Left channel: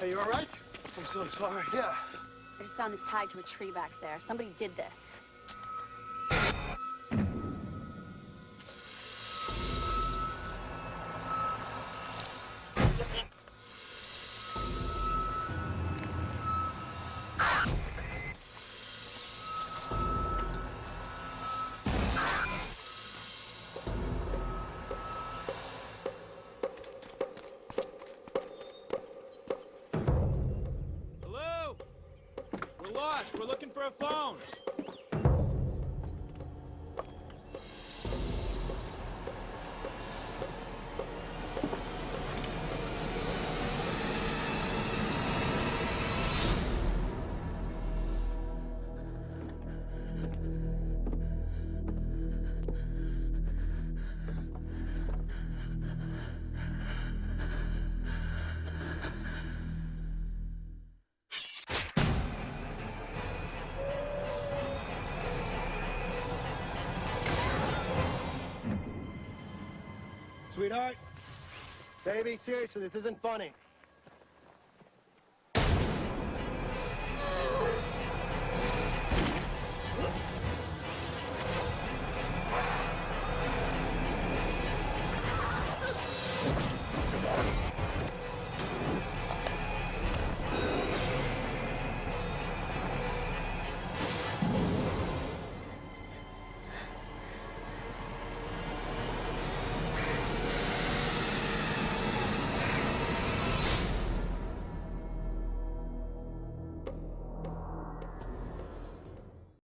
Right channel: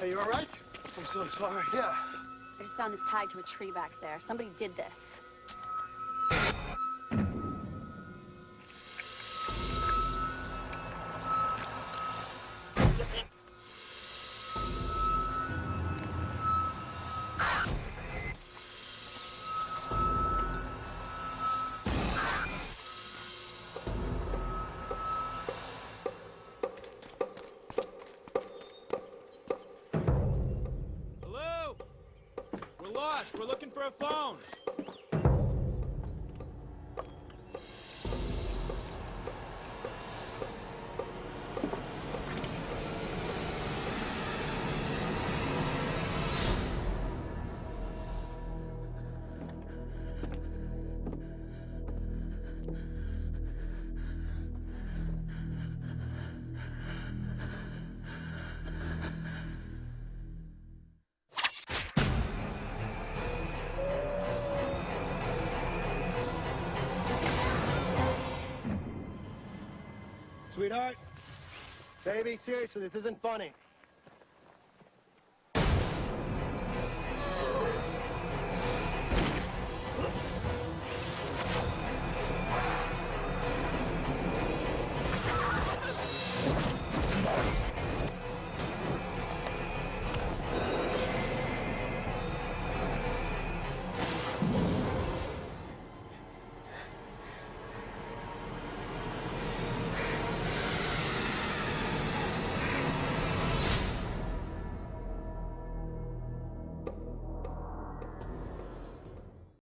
Hey, you all right? I'm so sorry. Yeah. I just found this tied to a tree back there. Somebody did this. Hello? We're lost. We're looking for a phone. Sweetheart, baby, seriously, this isn't funny.